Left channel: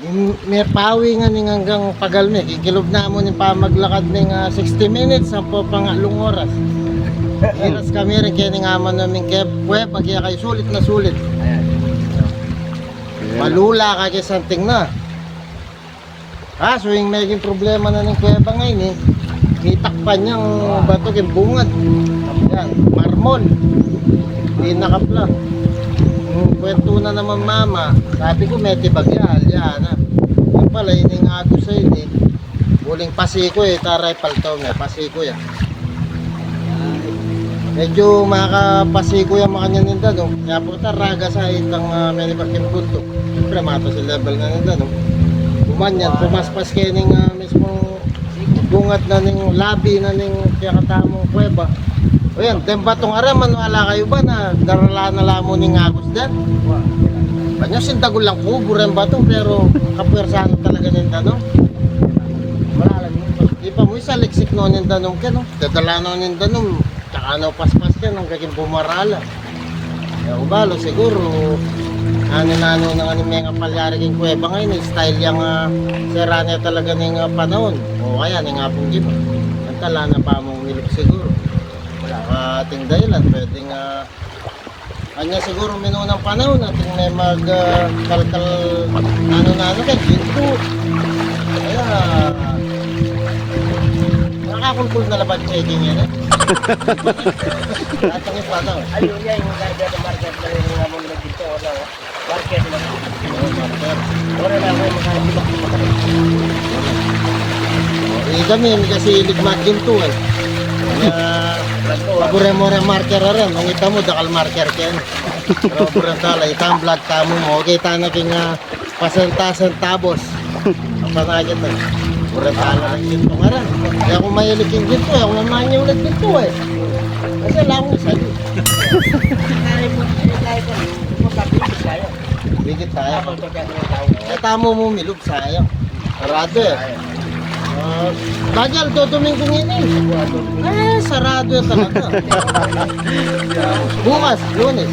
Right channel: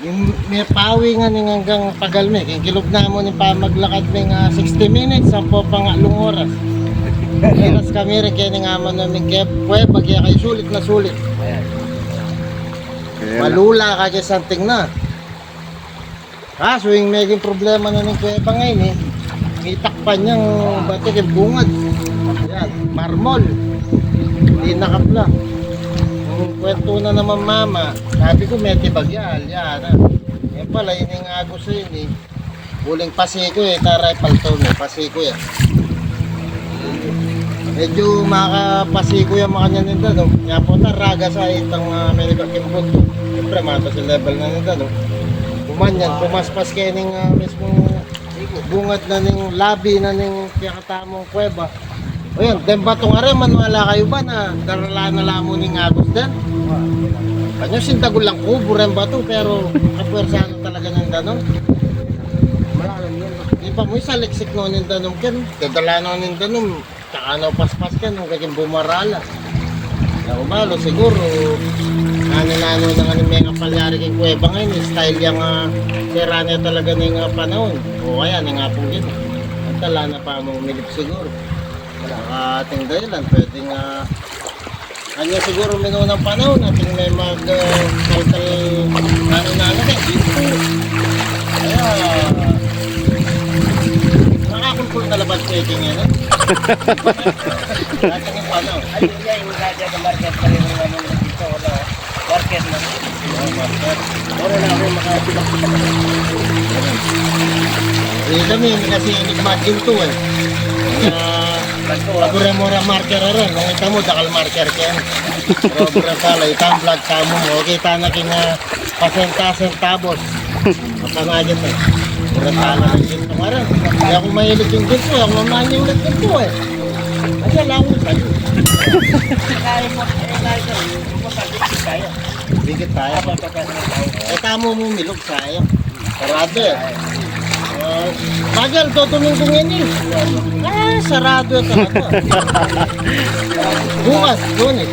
Yung may pawi nga ning hanggang pagalme. Kikilog na mo ni pa maglakad ning 60 minutes. Sampo pa nga lung oras. Iras kami rin kaya nga man namin kuweba. Kaya kayo sulit na sulit. Ayan. Malula ka kaya santing na. Kaso yung naging problema na ng kuweba ngayon may takpan niyang bato yung bungad. Yan, marmol. Hindi nakapla. Yung kwento na naman mama, sabi ko may tibagyal. Yan Yung pala, hiningago sa yun Buling pasiko taray paltaw pasiko yan. Medyo makapasiko yung mga ninda Kaya po raga sa itang menibaking punto. Siyempre mata sa level na ninda Bumanyan, pumaspas kayo ng mismo bungat na ning labi na ning piyakatamong kuweba. O yan, dembatong araman, wala kayo ba na darala na lamo ning agos din? Kanya sintagol lang kubo rin ba to, pero kapwersano talaga ng tanong. Malalang yun. Di pa mo isa liksik no ng tanong ka no? Dadala no ng tanong, tsaka no paspas ka nung gaging bumarala. Kaya ubalo siguro, ano-ano na nga ni mga palyari kong kuweba ngayon, style yung sera niya talaga ng panahon. O kaya, nga pong gino. At tala na pa mong umilip siguro. Wala ka ating dahilan, pwedeng kanya siguro minunang panahon, ating may kalkal ano namin kayo, ginto. Kaya, nakakulkul na labas sa eding yan Lahat ang panahon. Ayun yan, yung nagaya ng market pa rin nga mong dito. Wala market na. Marker. Wala na ako makatibak-tibak. Kami kasi ligmat ginto Pagure-more marker rin. Kung ita mo, dakal marker ken. Pero burang sala, itang vlog tamo mo. Kita na king pasenta-centavos. Apa na dyan Burang sala lang ginto nga rin. Kaya kung mahilig yung ginto, ako mamanya ulit ginto Kasi lang sa'yo. Kaya mo, kaya ka rin. Bigit tayo. Bigit tayo. Habang pagkakaroon tayo. Tamo mo milog sayang. Sarado Bagal, tutumingking sarado talaga. Bukas, Lunes.